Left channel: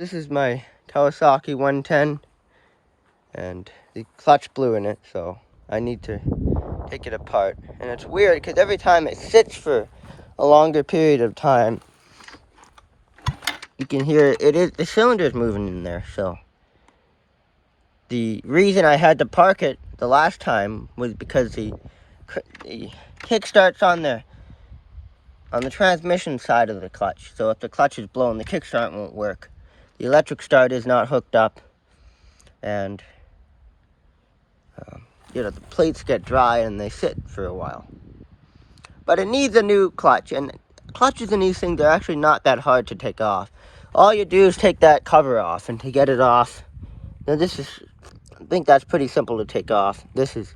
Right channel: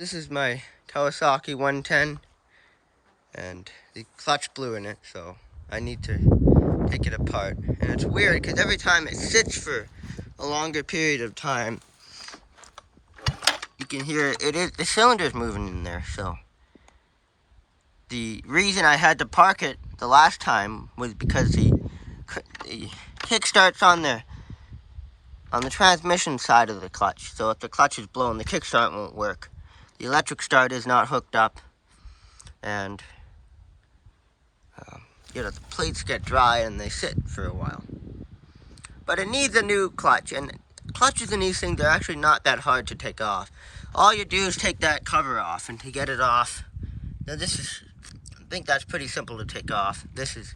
This is my Kawasaki 110, and the clutch blew in it, so I need to take it apart. And it's weird because every time it sits for a longer period of time, you can hear the cylinder's moving in there. So the reason I had to park it the last time was because the kick starts on the transmission side of the clutch. So if the clutch is blown, the kickstart won't work. The electric start is not hooked up, and the plates get dry and they sit for a while. But it needs a new clutch, and clutches in these things are actually not that hard to take off. All you do is take that cover off, and to get it off, now I think that's pretty simple to take off. This is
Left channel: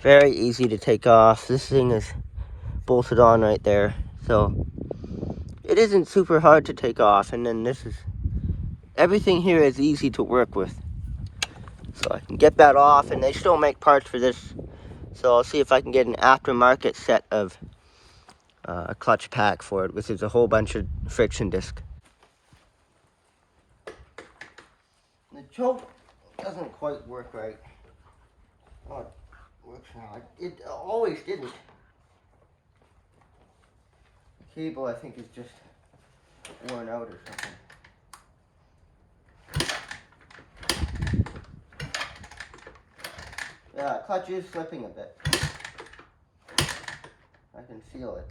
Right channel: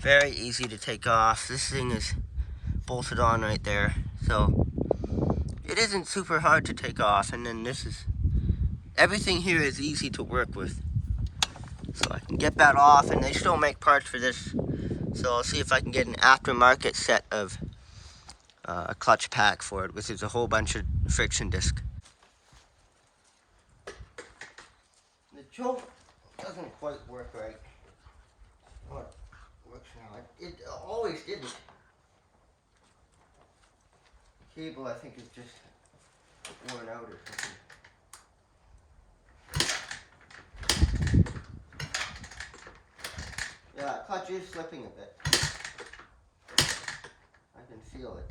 very easy to take off. This thing is bolted on right there, so it isn't super hard to take off. And then everything here is easy to work with. So I can get that off, and they still make parts for this. So I'll see if I can get an aftermarket set of a clutch pack for it, which is a whole bunch of friction disc. The choke doesn't quite work right. Oh, it works now. It always didn't. The cable, I think, is just worn out or something. Yeah, clutch is slipping a bit. I can feel it.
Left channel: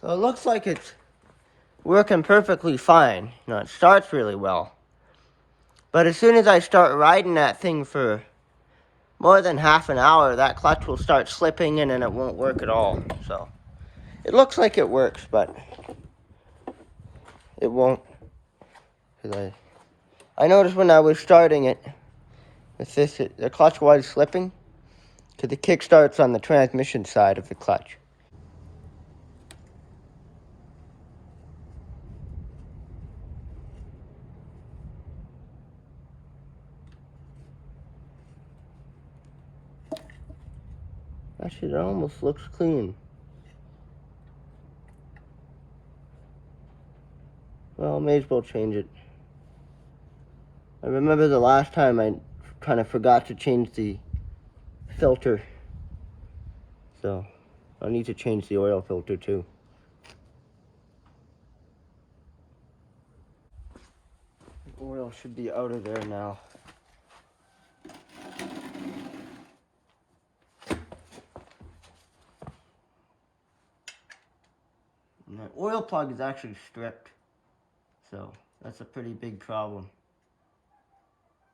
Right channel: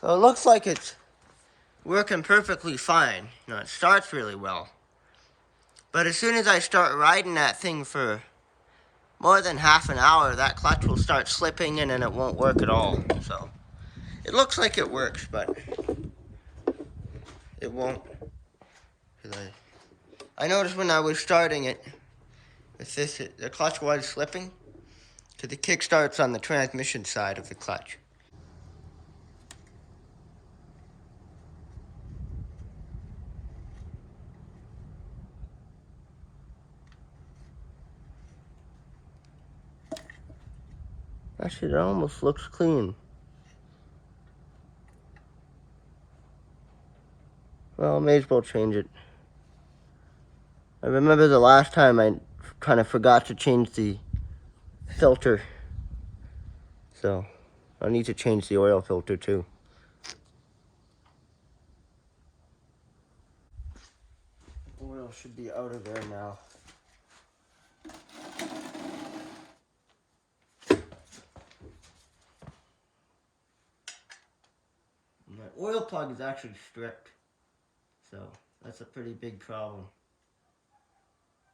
So it looks like it's working perfectly fine. It starts really well. But as soon as I start riding that thing for more than half an hour, that clutch will start slipping and then it won't work at all. So it looks like it works, but it won't. I noticed when I was starting it, the clutch was slipping because the kick starts on the transmission side of the clutch. Actually, it almost looks clean. Well, I may as well change it. I remember the last time I kind of forgot to change the filter. So I need to change the oil filter too. The oil should be out of there now. My oil plug is actually stripped, so that's a pretty big problem.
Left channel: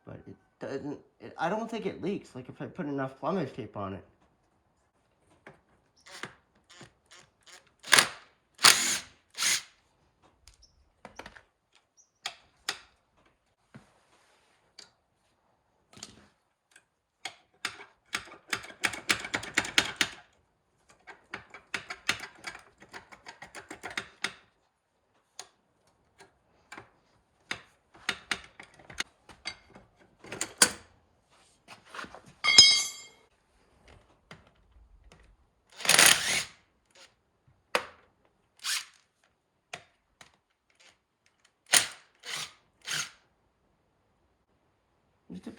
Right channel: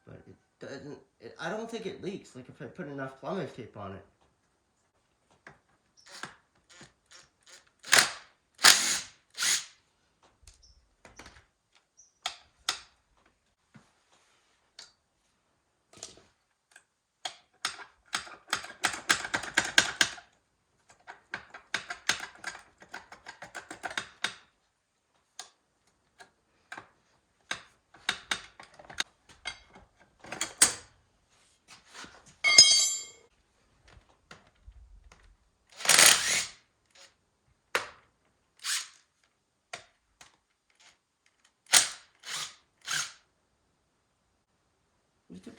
But it doesn't, I don't think it leaks, like if I put enough plumber's tape on it.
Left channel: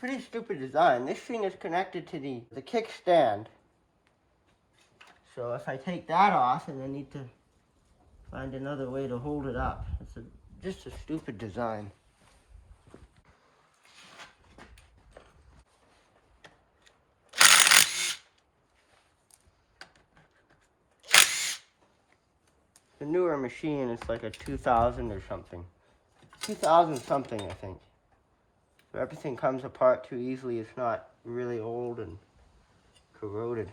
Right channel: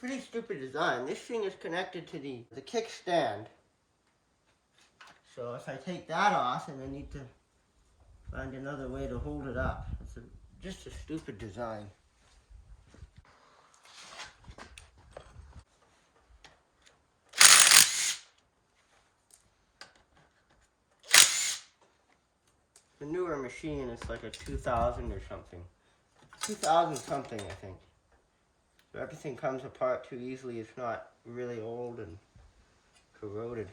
pretty stupid design. This thing is connected to the kickstand. So if I take that off, and I need to find another way to hold it up. It's just a stupid design. The newer machine is like a 2000 or something. 2000 something, I think. So everything comes apart too easily. It's not really old and corroded.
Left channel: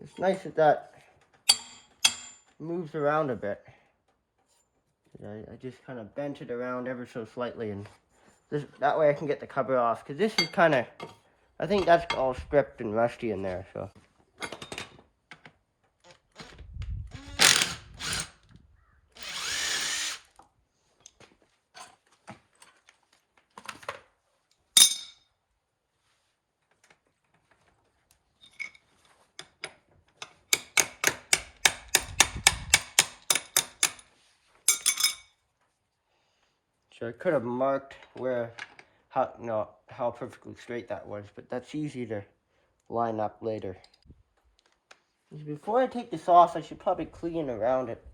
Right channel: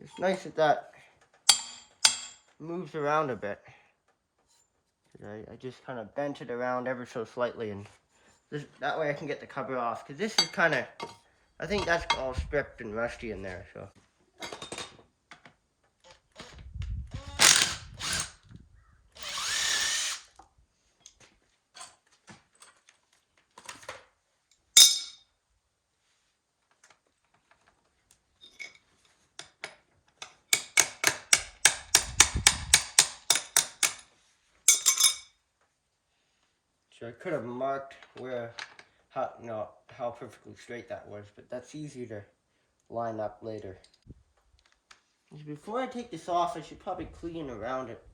It's nice that moves around a bit. I just kind of bent it around ever so slightly, and that way I can get the cover off. Because this is kind of, I think that's all stripped and rusty in there, so. So I could have marked how perfectly straight that was, but that's easy to line up later. Before I take this off, I should probably clean around it.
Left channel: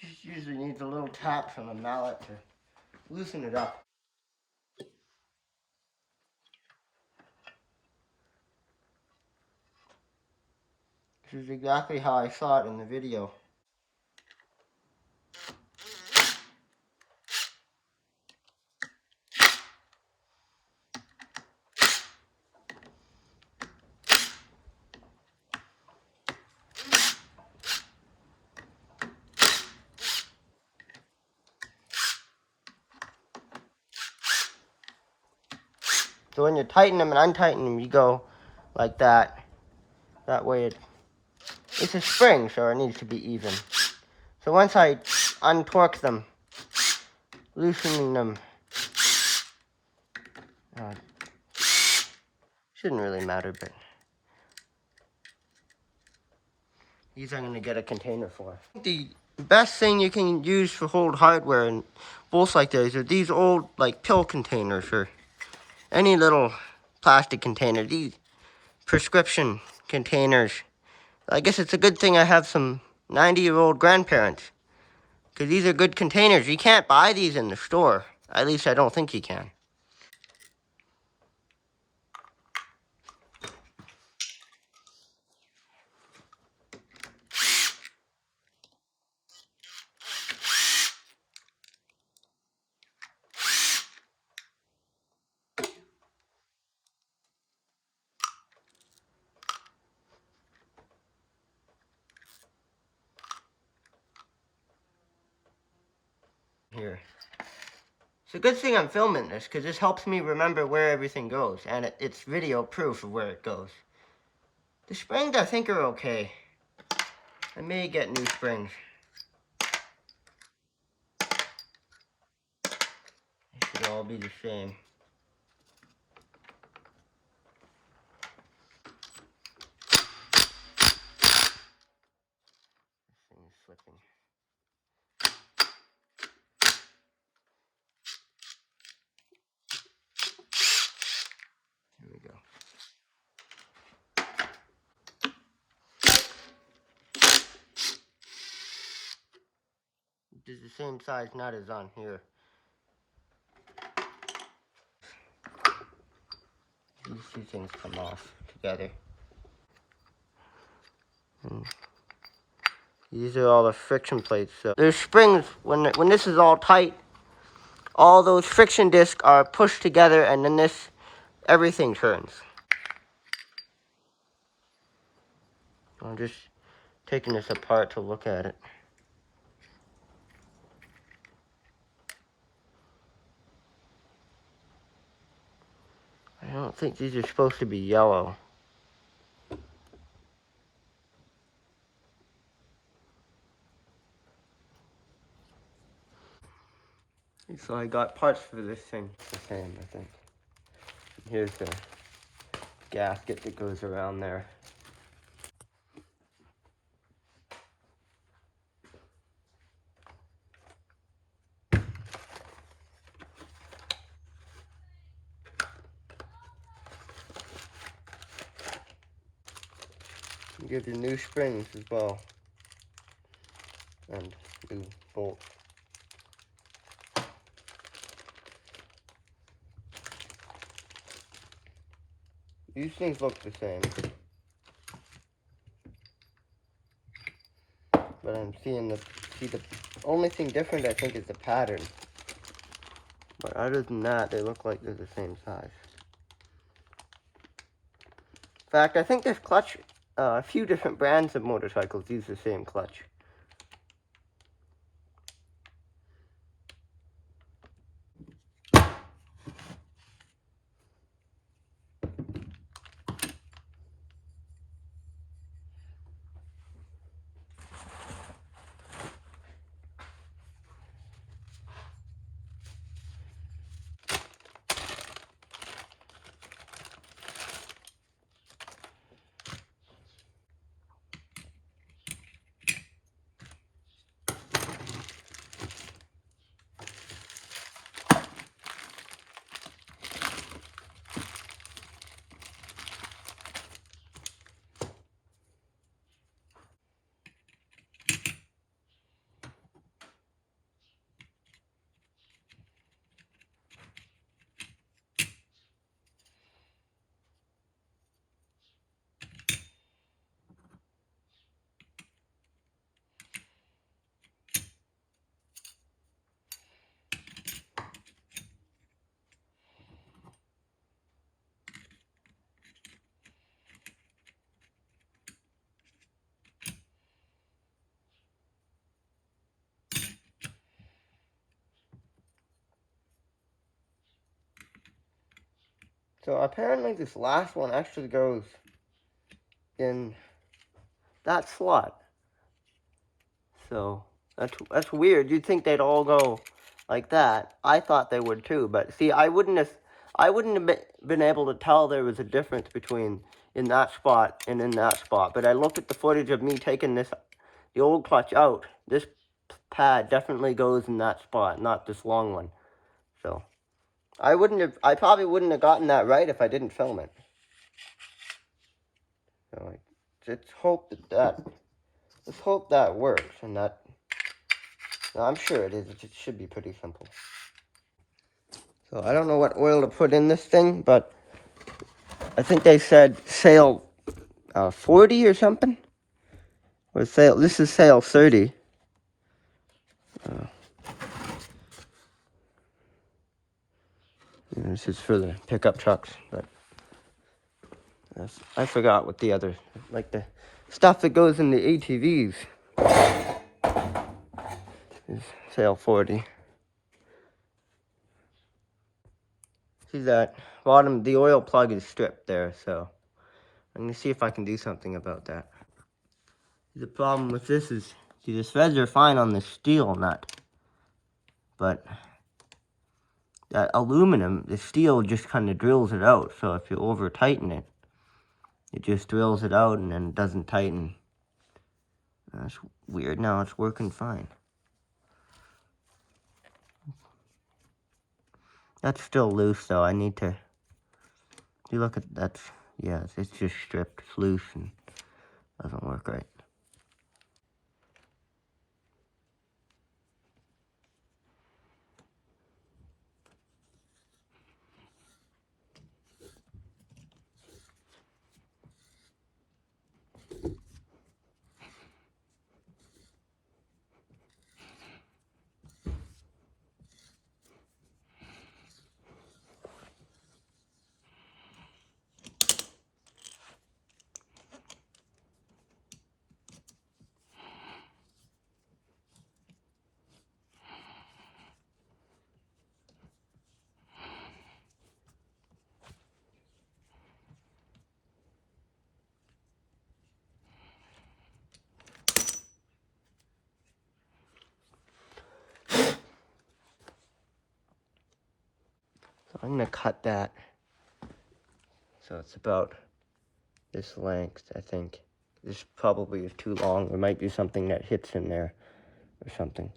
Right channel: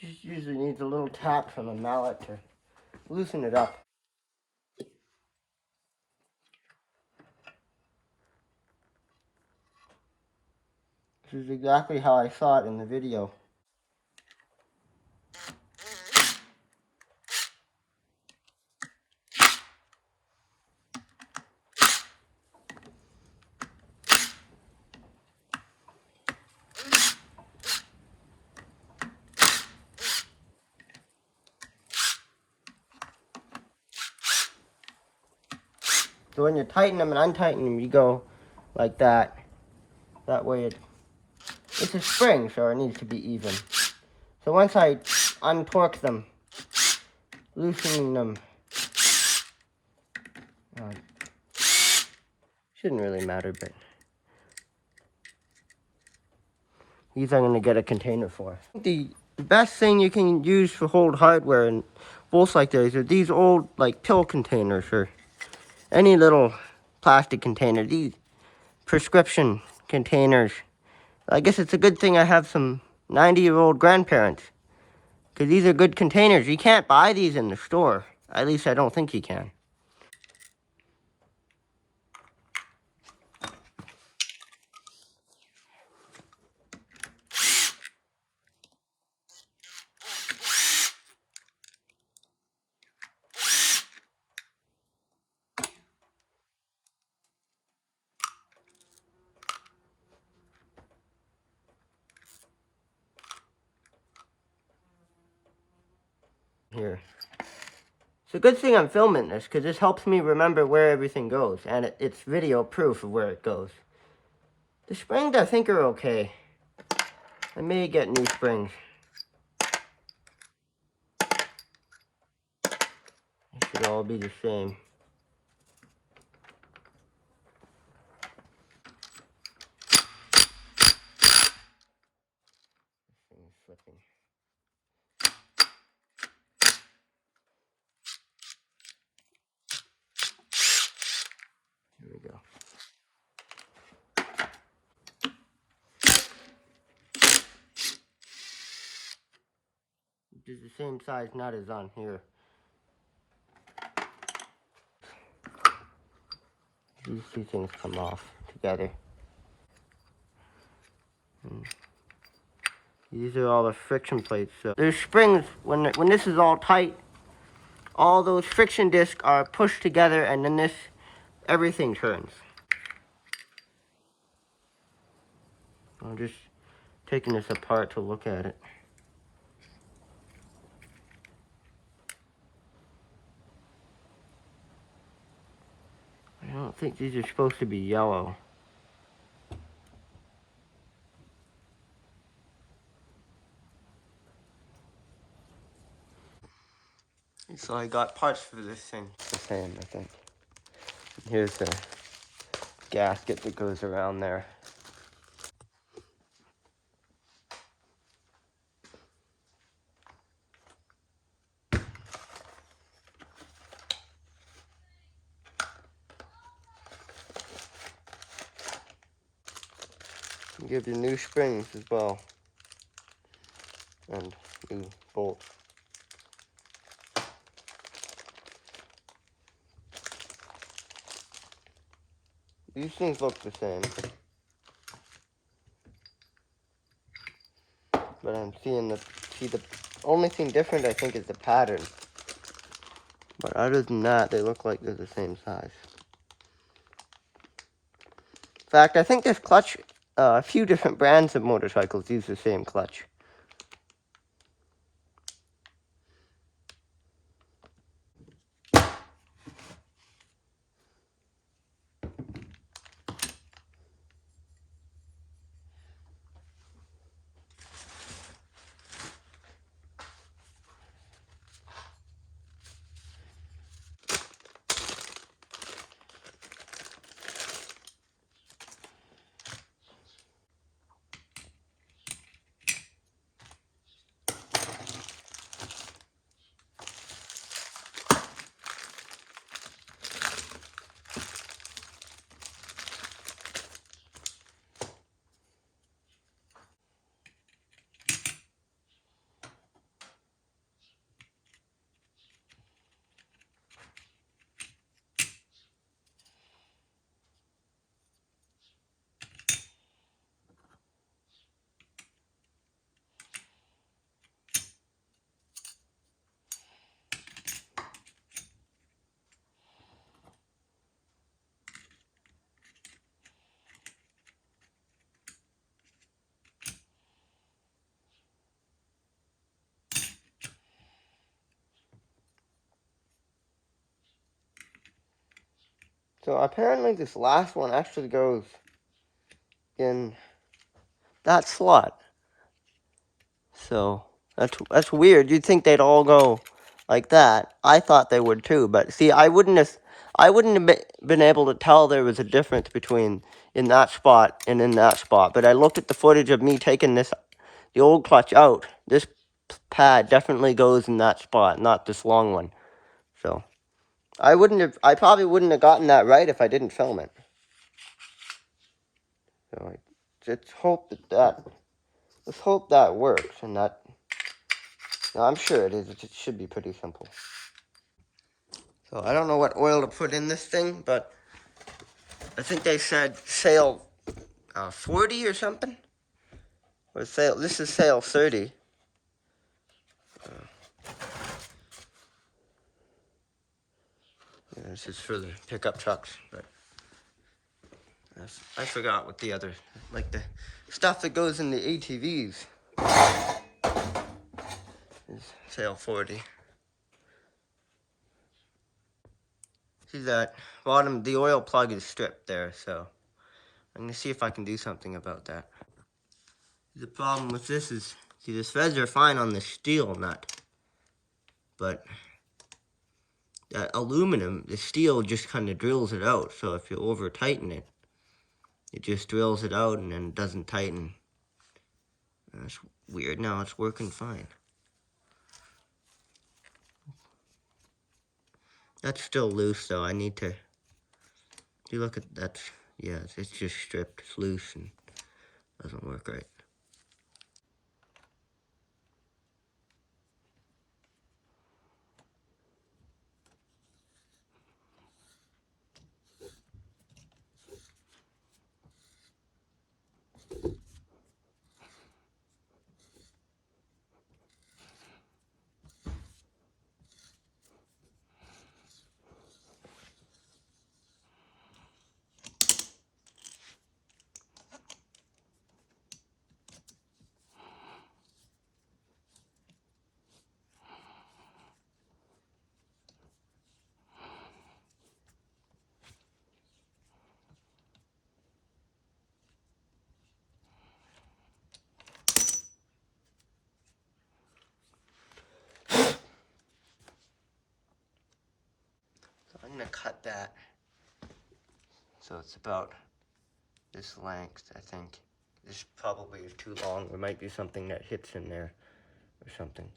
Just usually needs a little tap from a mallet to loosen it up. This is exactly how I saw it in the video. So when you tighten them and untighten them, you go like that. That way it's a spring, so it needs to be even. So once I untorque them, loosening them, shouldn't really matter, but these I'm going to get a container for. The best thing you can use for hold hardware and bolts like those are these old like pill containers or any little plastic container. These prescription containers. I guess it's a good thing I have some 90-year-old grandparents, because these are good containers. You can't buy these in the store. At least I don't think you can. Here. It's a good thing I'm filming this, because this helps me remember where everything goes, and it's video proof of where it goes. The springs, I think, are okay. I may get new springs. They should all be the same. This thing is slipping. Here we go. This is the same size nut as on here. These two things come off together. And these are all the friction plates. So there's springs. When this is all tight, all those friction discs are pushed together, and then everything turns. I'm just taking this apart to look at it. I don't think these are supposed to be yellow. So I got parts for this thing. It's the same, I think. Here's the gasket that goes around there. Give you new springs as well. And new bolts. These things look the same. But I'm seeing the only thing different I think is the pattern. But other than that, they look like they're the same size. In fact, I think this clutch, a few different brands of motorcycles use the same clutch. So apparently this last one actually goes in that slot. So that's weird. You'd think they'd all go like that. I thought they would too, but see, I wouldn't have been able to tell there was a difference between in that spot and in that spot. But I looked at the footage of me taking the old clutch out. This pad definitely goes in that spot, not this long one. So I probably wouldn't have gotten that right if I didn't film it. So let's hope let's hope that works, and that, I'm sure it is. It should be pretty simple. So I don't know what oil to put in this thing, but I think they said sale 40 or something. Or this is sale 30. This is for the pickup trucks, but I forgot what the other, like the stuff that goes in the ATVs is sale 40. See that bottom, the oil plug is stripped there, so I'm going to see if I can do something about that. The problem with this is, see, the threads are fine on the steel nut, but that aluminum, the steel just kind of drills it out. So if you over tighten it, it just drills it out and then it doesn't tighten. That's weird. Now it's working fine. That's still loose though. I need to, you look at that. Yeah, it's just stripped. It's loose and doesn't work right. I'm gonna cut that so it's about this length, I think. This probably is too long. There might be something that hits in there or something.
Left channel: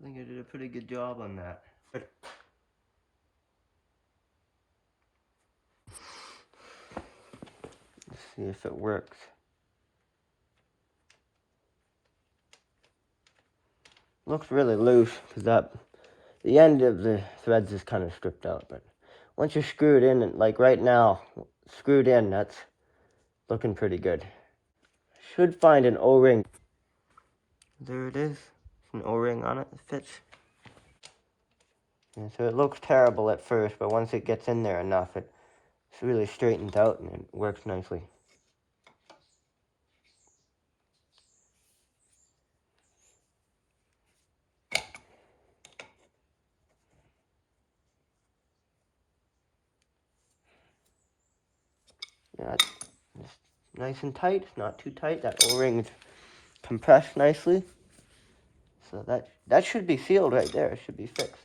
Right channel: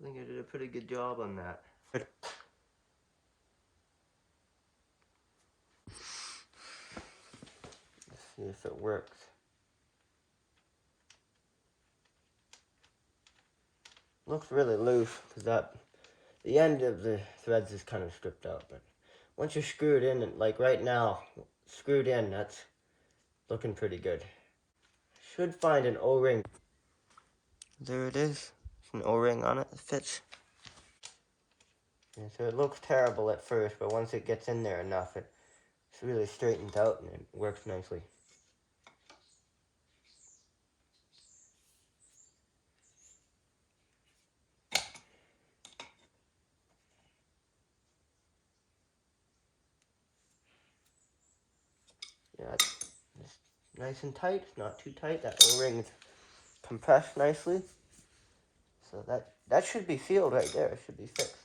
I think I did a pretty good job on that. Good. Let's see if it works. Looks really loose because the end of the threads is kind of stripped out, but once you're screwed in, and like right now, screwed in, that's looking pretty good. Should find an O-ring. There it is. There's an O-ring on it that fits. And so it looks terrible at first, but once it gets in there enough, it's really straightens out and it works nicely. Yeah, it's nice and tight. It's not too tight. That O-ring is compressed nicely. So that should be sealed right there. It should be fixed.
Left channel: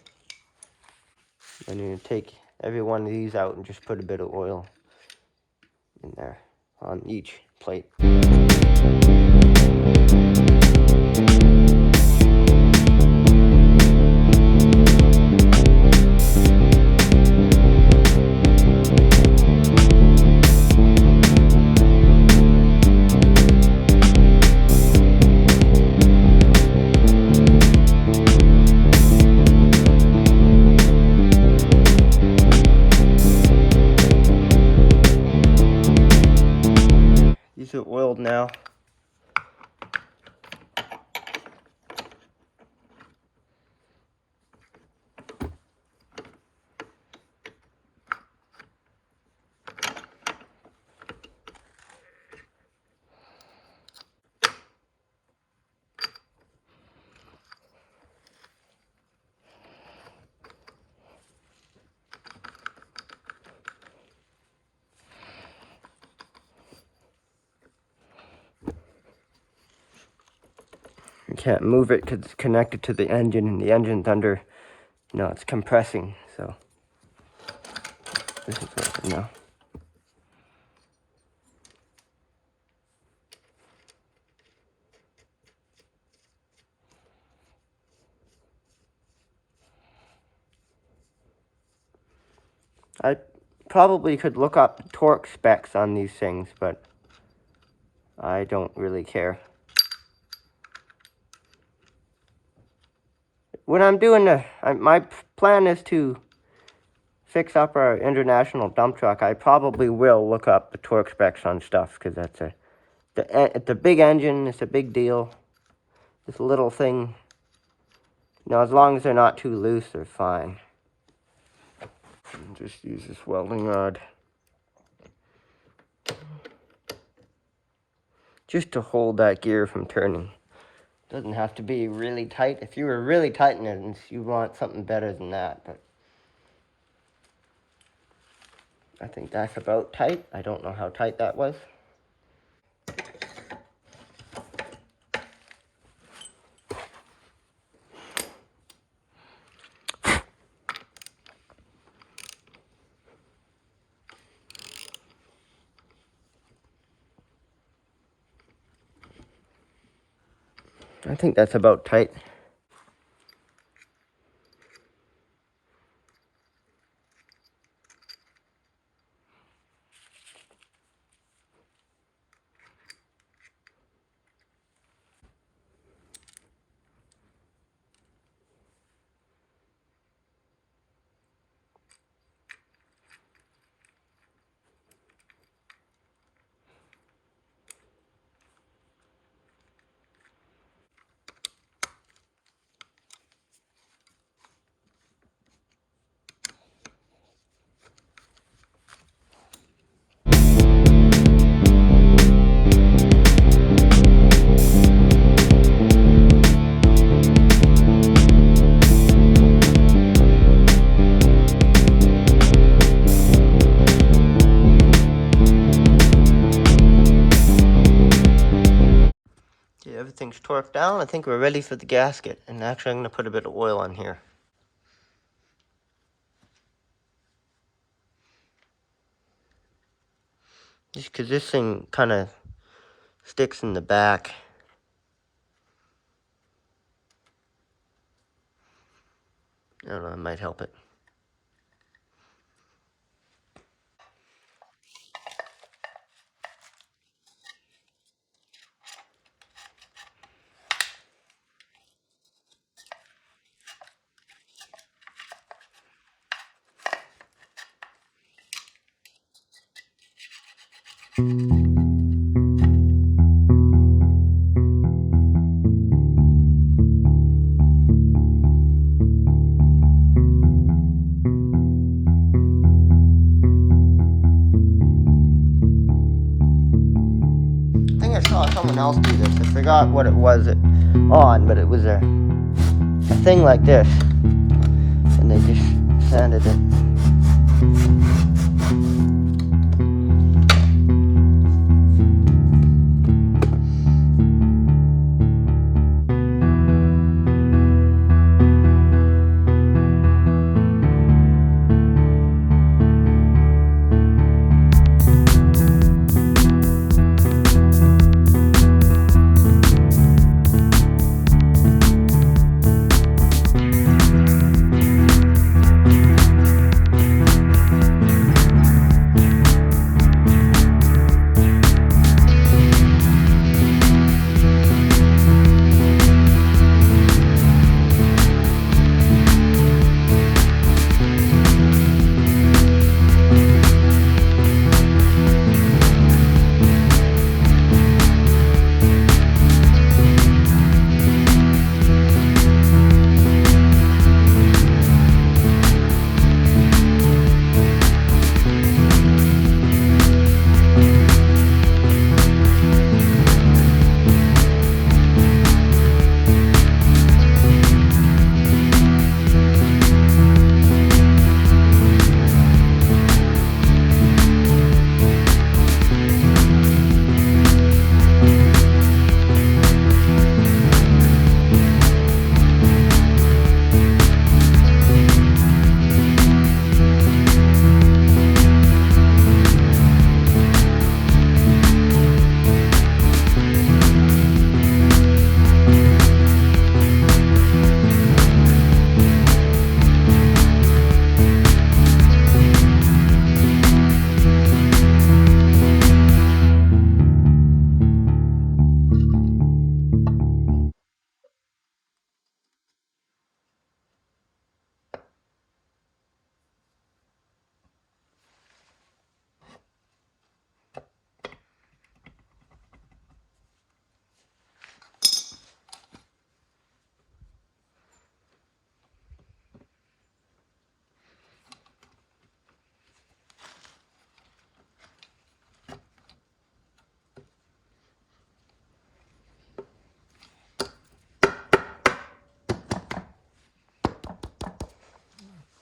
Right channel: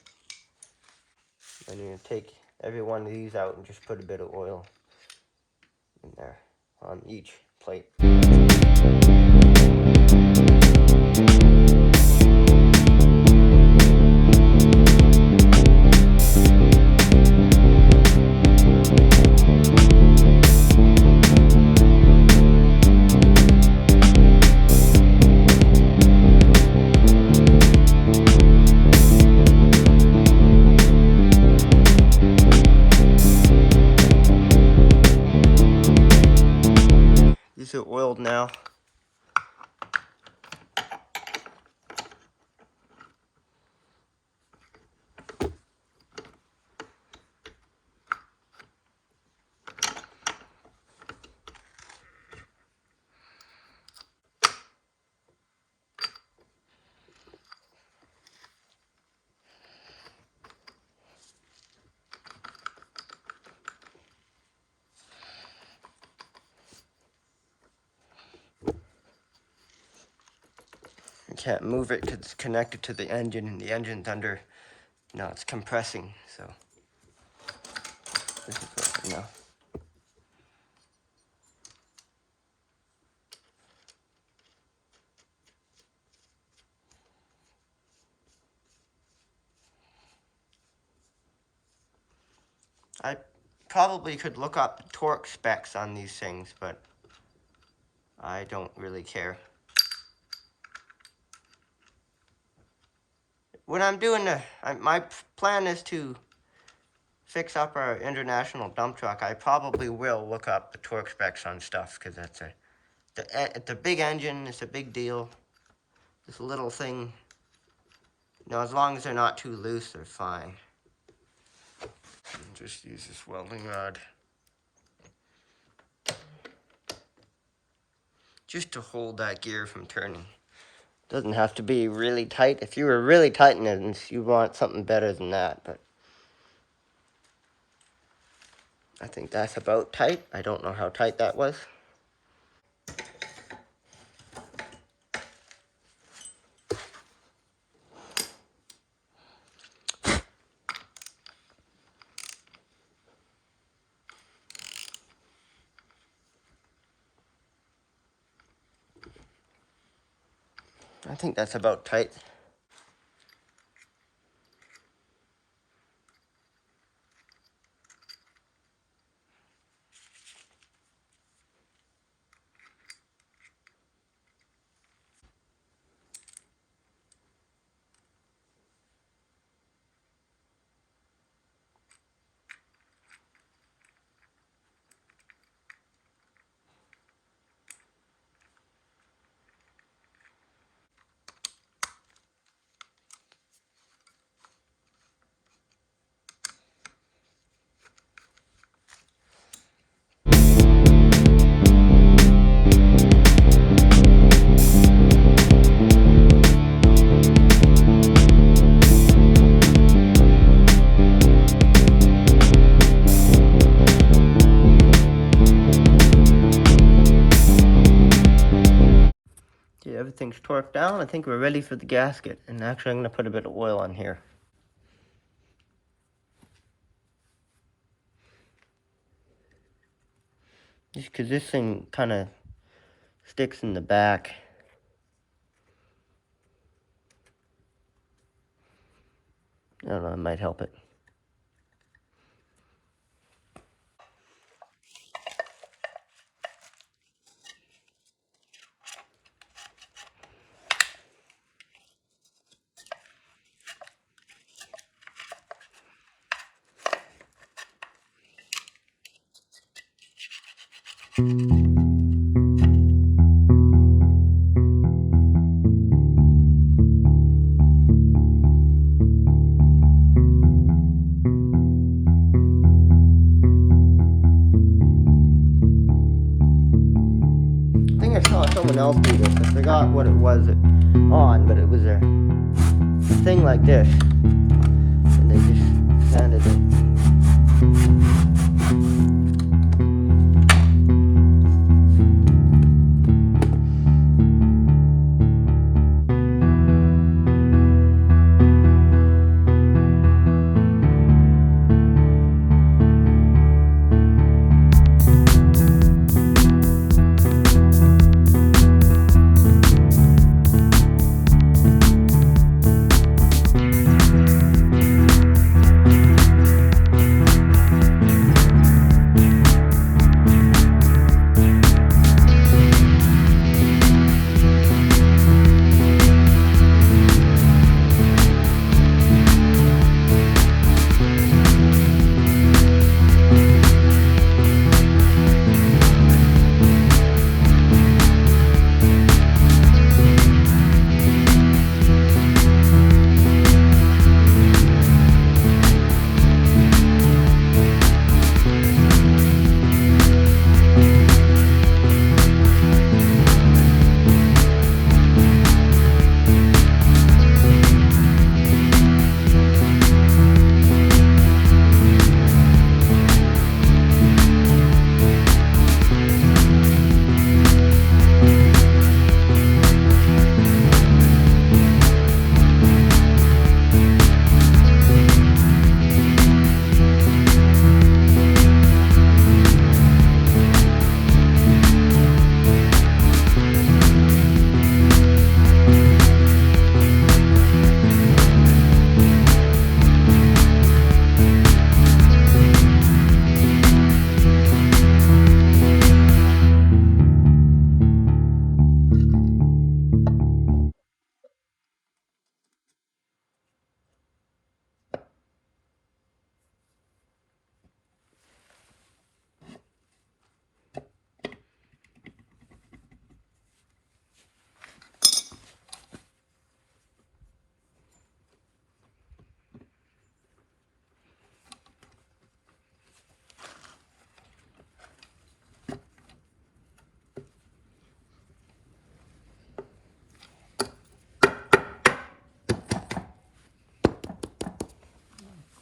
Then you take every one of these out and just put a bit of oil in there on each plate. These are oiled now. You can't move it because it's connected to the engine, and the engine's under, it's compressing, so this is working now. I probably could look up torque specs on these things, but I don't really care. When I'm doing my plan is to fix up our international dump truck. I probably will look up the torque specs on stuff because it's a big engine. It's a big deal. This little thing, as long as they're not too loose, they're fine. Just use this welding rod just to hold that gear from turning. Doesn't have to be really tight. If you were really tightening it, you want something better than that, but I think that's about tight. I don't know how tight that was. I think that's about tight. Okay, everything's torqued down. I think we're ready for the gasket. And actually, I'm going to put a bit of oil on here. Just because this thing kind of sticks in the back. I don't know, it might help it. I think I saw someone else do this. I forgot what it was on, but it was a thing like this. And they just sanded it.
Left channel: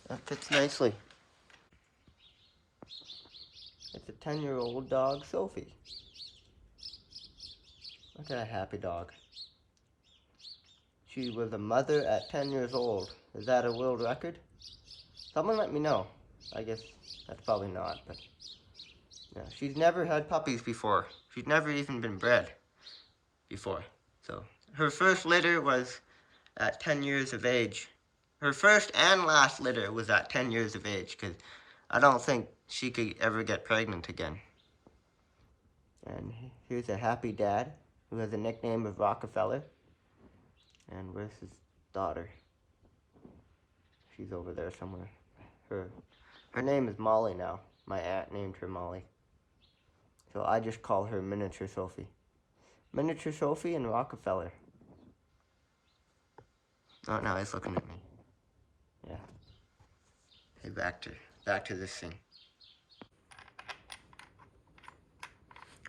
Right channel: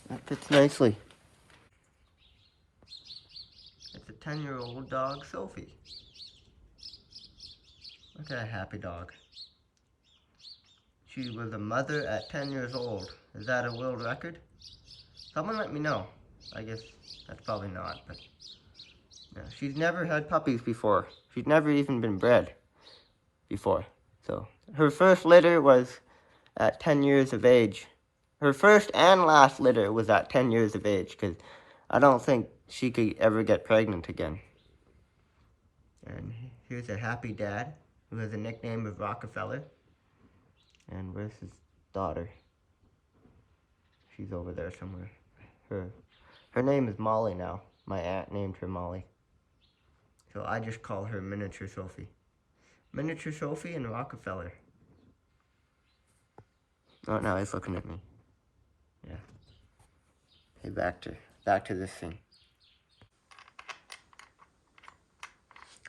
That fits nicely. 10-year-old dog, Sophie. Look at that happy dog. She was a mother at 10 years old. Is that a world record? Someone let me know. I guess that's probably not, but yeah, she's never had puppies before. She's never even been bred before. So her first litter was at 10 years of age. Her first and last litter was at 10 years of age, because I don't think she could ever get pregnant again. And here's a happy dad who has a nickname of Rockefeller. And where's his daughter? She's over there somewhere. Her name is Molly now. My aunt named her Molly. So I just call her Miniature Sophie. Miniature Sophie and Rockefeller. Oh, now he's looking at me. Yeah. Hey, back to this thing.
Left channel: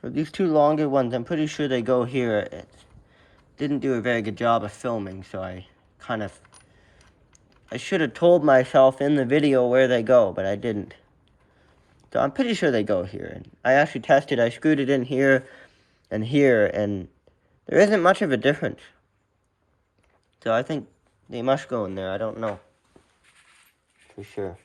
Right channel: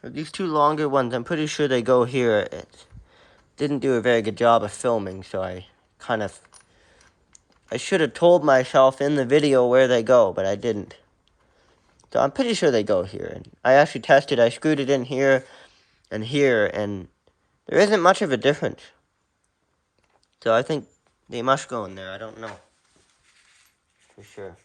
These two longer ones, I'm pretty sure they go here. It didn't do a very good job of filming, so I should have told myself in the video where they go, but I didn't. So I'm pretty sure they go here. And I actually tested, I screwed it in here, and there isn't much of a difference. So I think they must go in there, I don't know. For sure.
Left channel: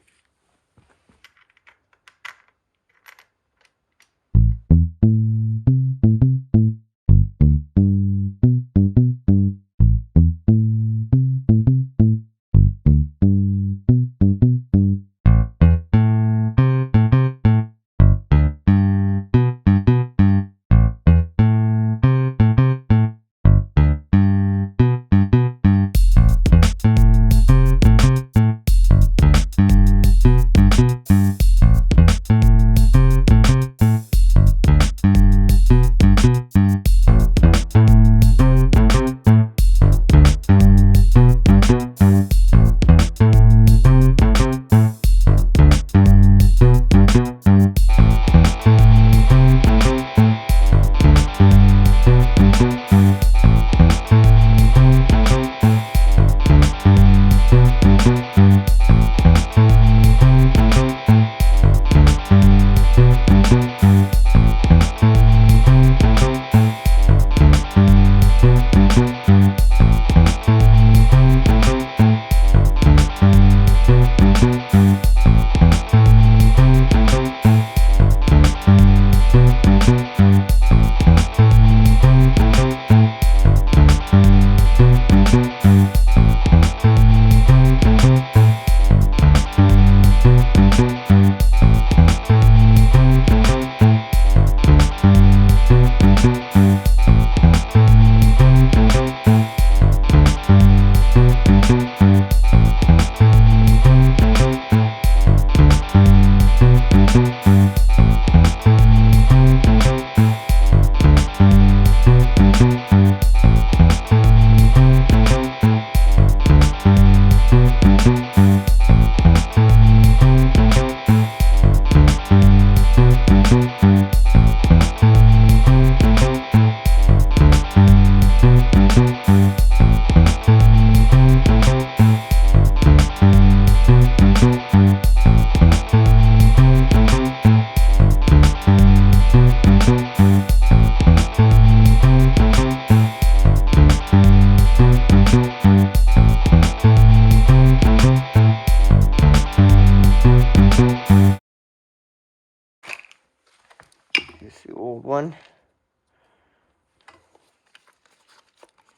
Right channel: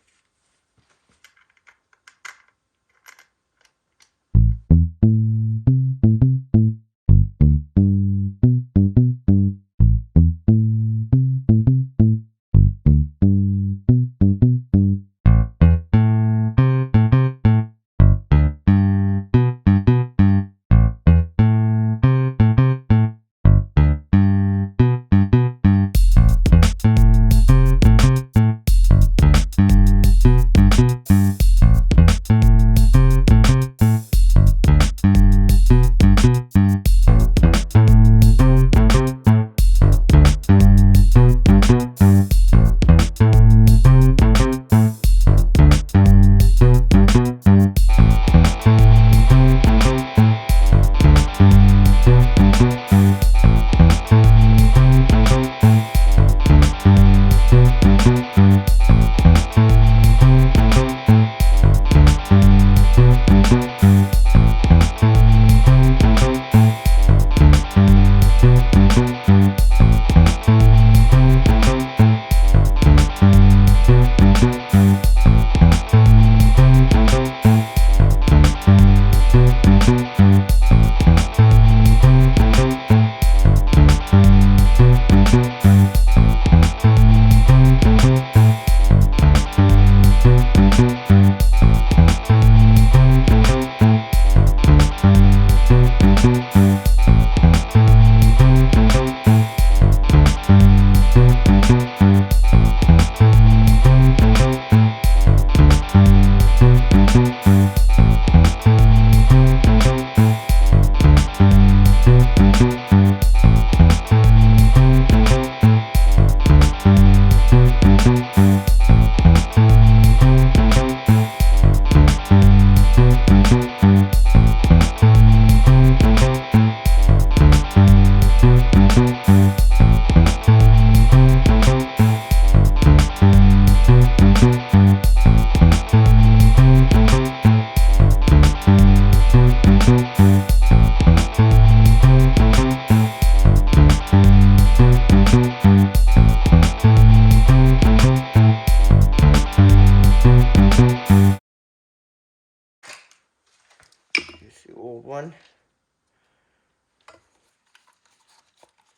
Here's the old one.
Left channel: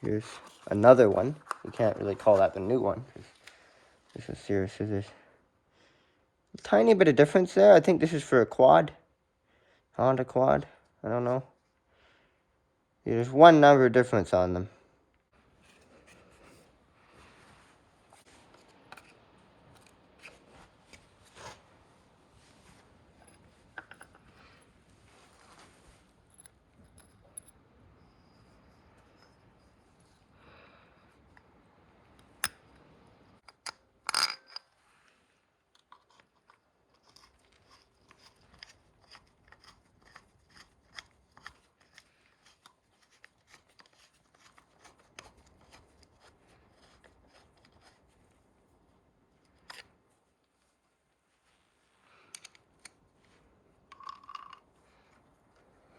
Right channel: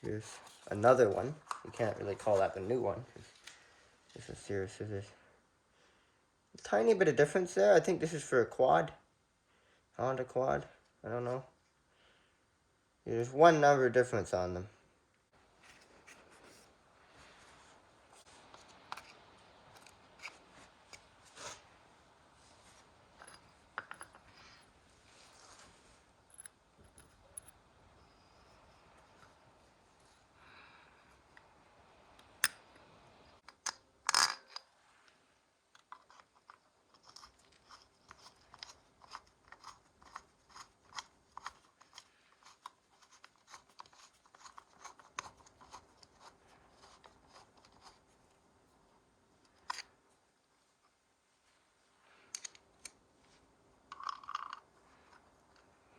Here's another one. You can't really call that the new one. This is serious. There's a tiny bit of difference there. I think this is for a quad. Honda quad. I don't know. There's one number difference on them.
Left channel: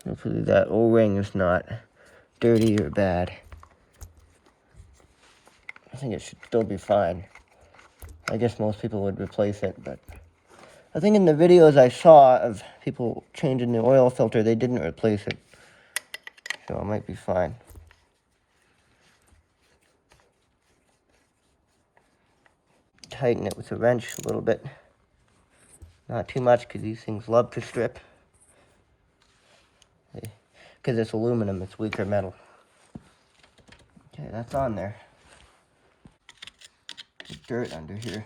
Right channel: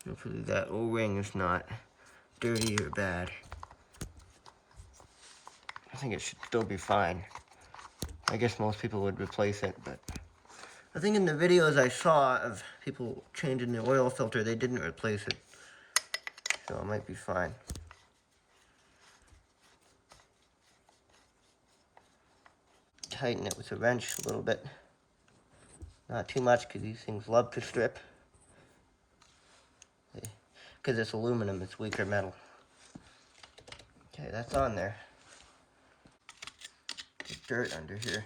Hopefully that O-ring is not dirty or bad. I think it should still be fine. I guess most people would replace it, but I think in the videos I saw of people changing the oil filter, they didn't replace it. So it might be fine. Tighten it with a wrench a little bit. Not too much, because these things love to strip. Because it's aluminum, it's weaker metal. Okay, that's on there. There's dirt under here.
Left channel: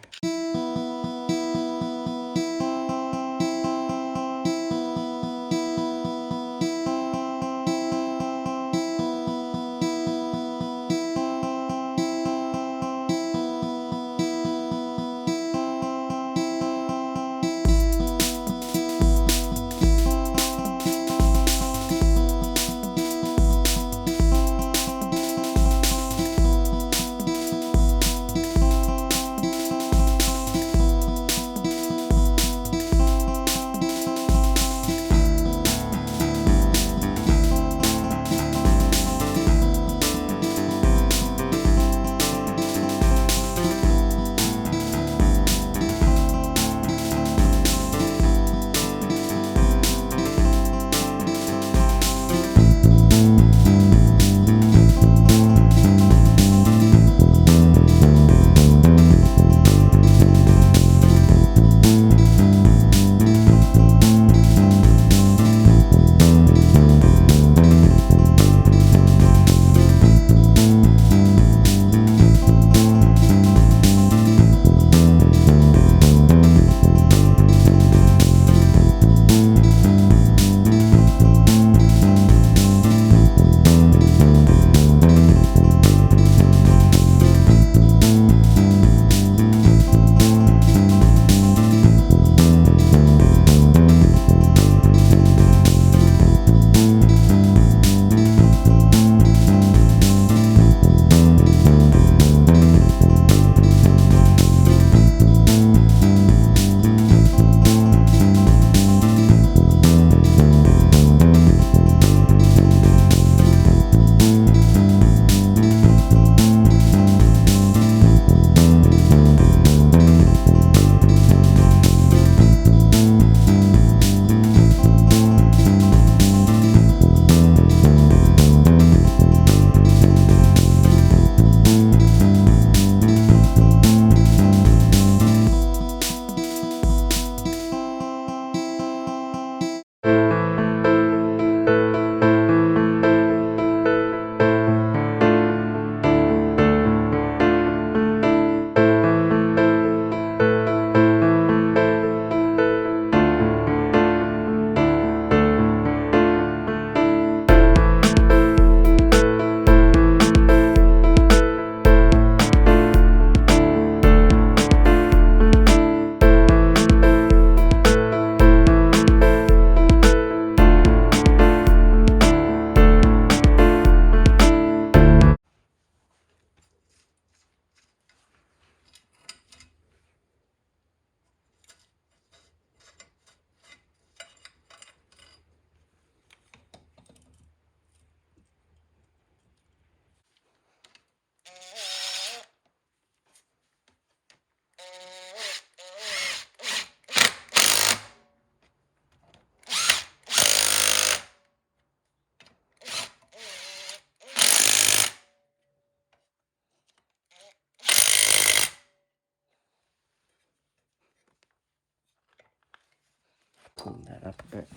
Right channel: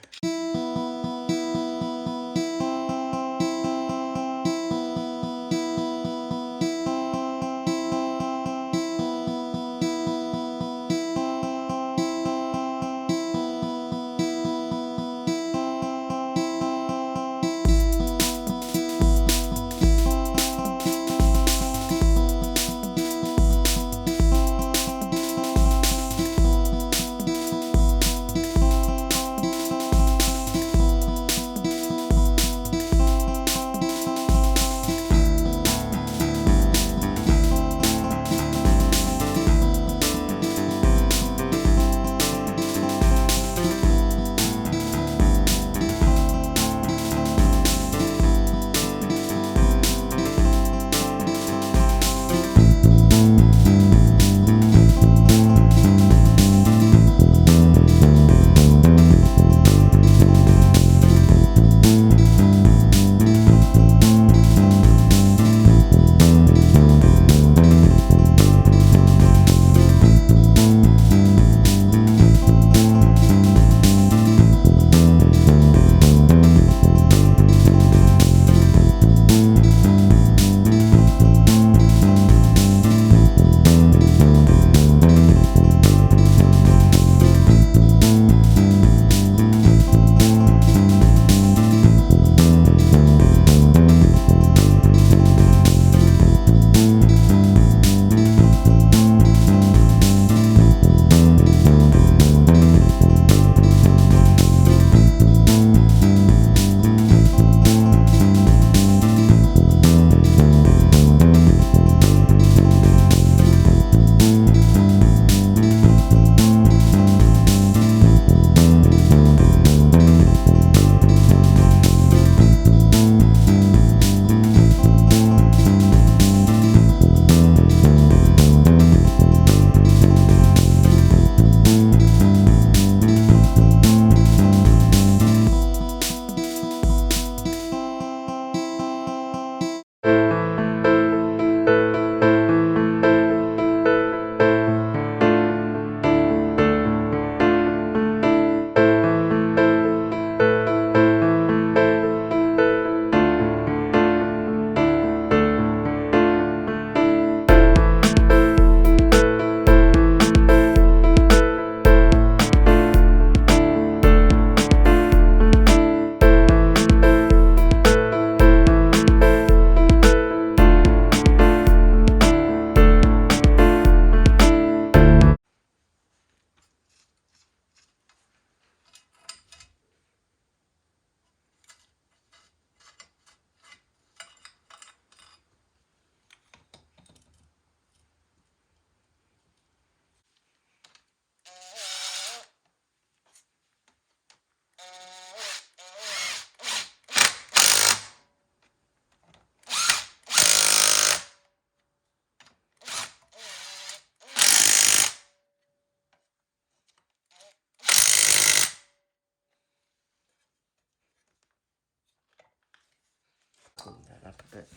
Clean that up a bit.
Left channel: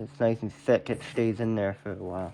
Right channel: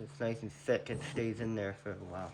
It's nice and thick, it stays in there for a while.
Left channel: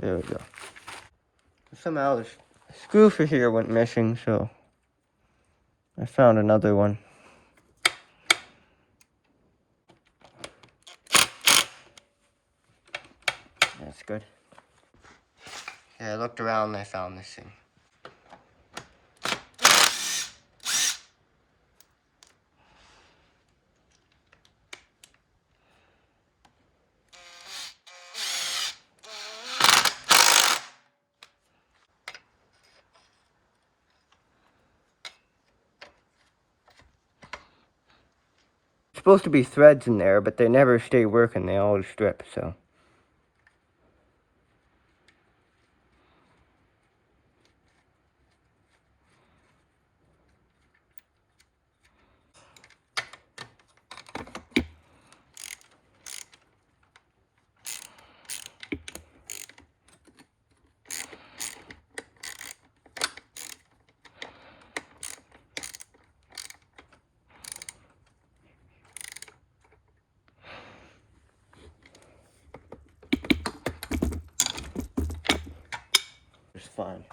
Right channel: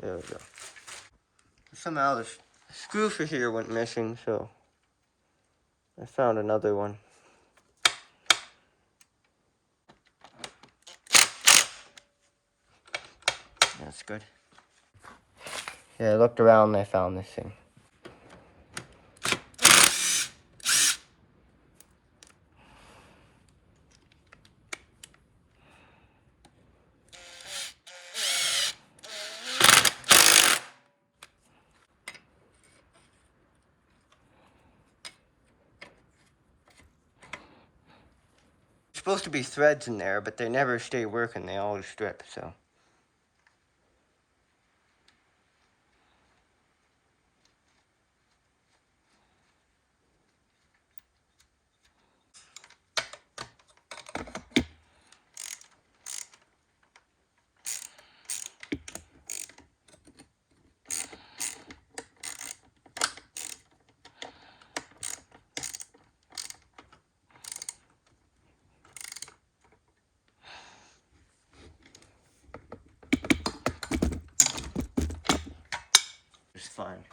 There we go. Somehow the screw for here went missing, so I found another one. That's good. Yeah, I looked around and I found this thing. It's supposed to be threads in there, but they never stay working. They always strip, so. It's fine.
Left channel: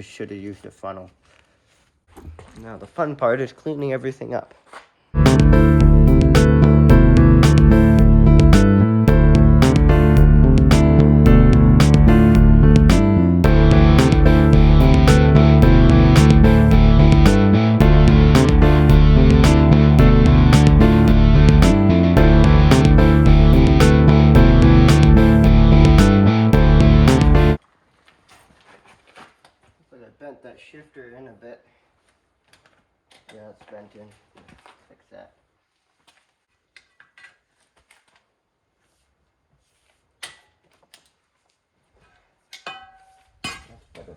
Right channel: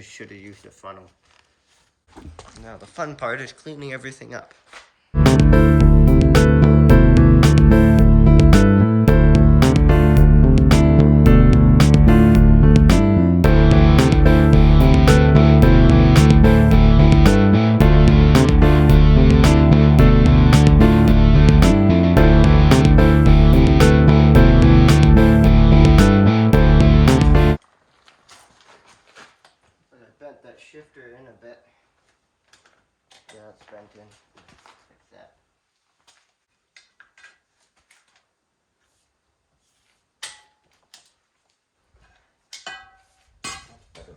Should have used a funnel. Now the fun part is cleaning everything up. But I bent that shifter in a bit. Yeah, it's bent in. Fix that. That's better.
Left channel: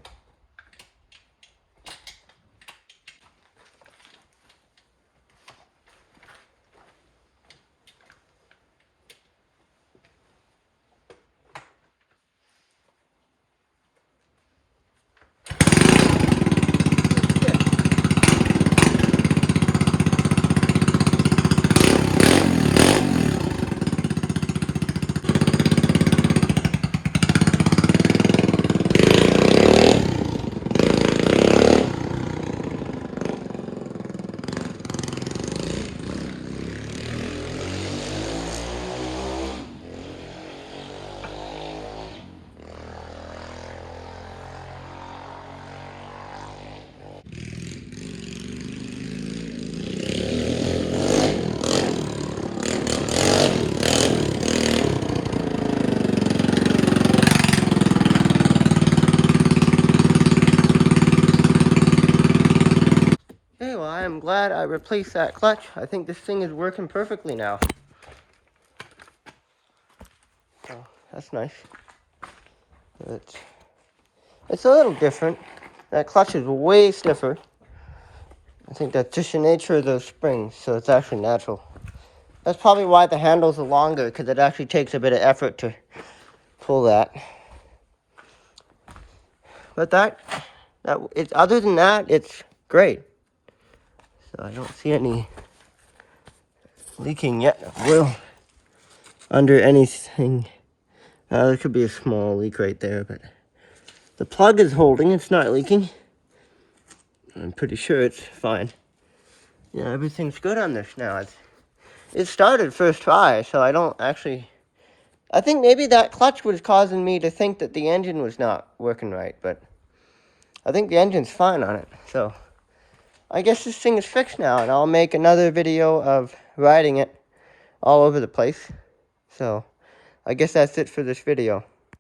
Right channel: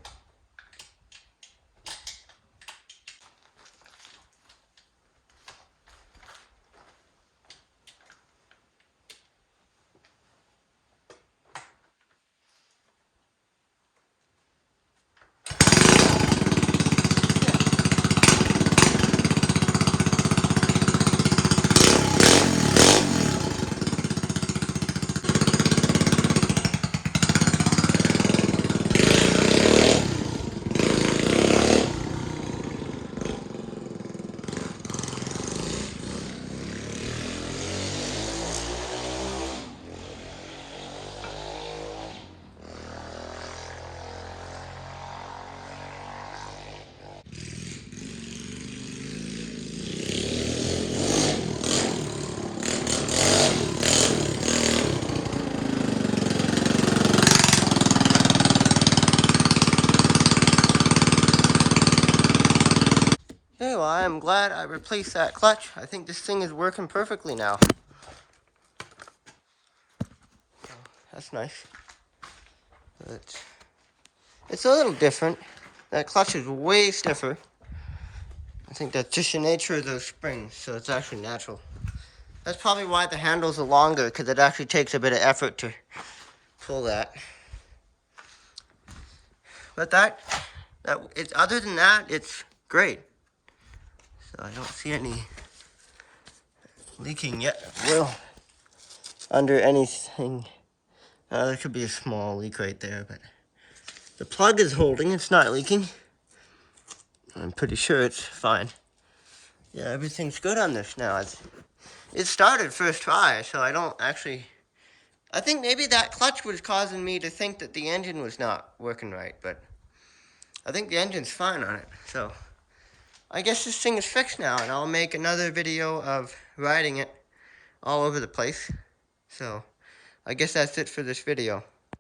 Hey, well, I'm glad I replaced that clutch. I think this thing is working perfectly now. So, that's nice. It's a little different. That clutch is way stiffer. I think that's just the nature of those springs, so it's actually natural. That's probably why the handles are longer, because it actually takes a bit of effort to pull that. But other than that, it's great. So I don't see any leaking yet. Under anything. There could be a small leak right there, but the plug is holding. It's not leaking. I'm pretty sure it's fine. Yeah, everything's good on this now. It started first try, so I don't actually... I think maybe that clutch was causing me to think that the engine was not working right, but I think the engine's fine on it. So I guess this thing is fixed now, and I'll make another video of riding it all over the place. So I guess that's it for this video.